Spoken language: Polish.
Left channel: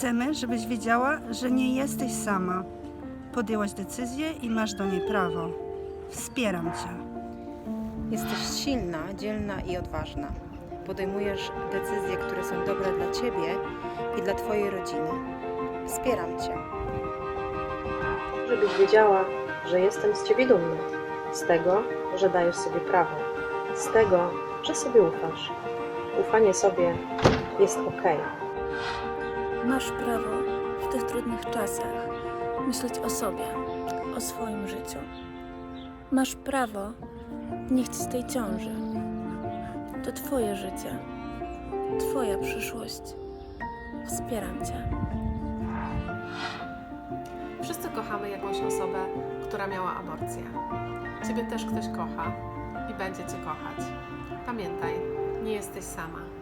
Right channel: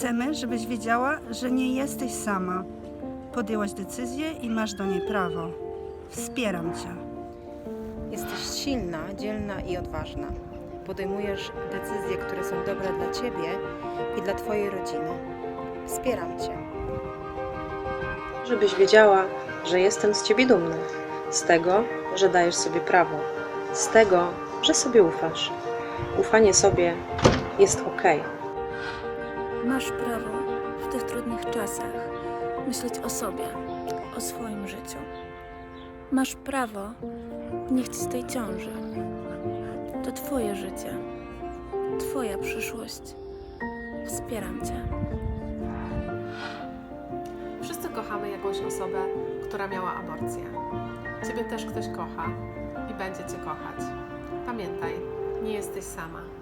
Chcemy, żebyś wiedziała, że nie jesteś sama. Podjęłaś decyzję i masz do niej prawo. Wspieram cię. Jesteś silna, dzielna i odważna. Podejmujesz decyzje, które są dobre dla ciebie i dla twojej rodziny. Wspieram cię. żebyś wiedziała, że jestem z ciebie dumny, z tego, że dajesz sobie prawo, z tego, że sobie ufasz. Ufanie sobie jest ok. Masz prawo w tych trudnych czasach myśleć o sobie, o swoim życiu. Masz prawo nie chcieć tej ciąży. To Twoje życie, Twoja przyszłość. Wspieram Cię. Wszyscy kochamy jakąś osobę, która miała aborcję. Ciebie też ktoś kocha i będzie Cię kochać. Pamiętaj, nie jesteś sama.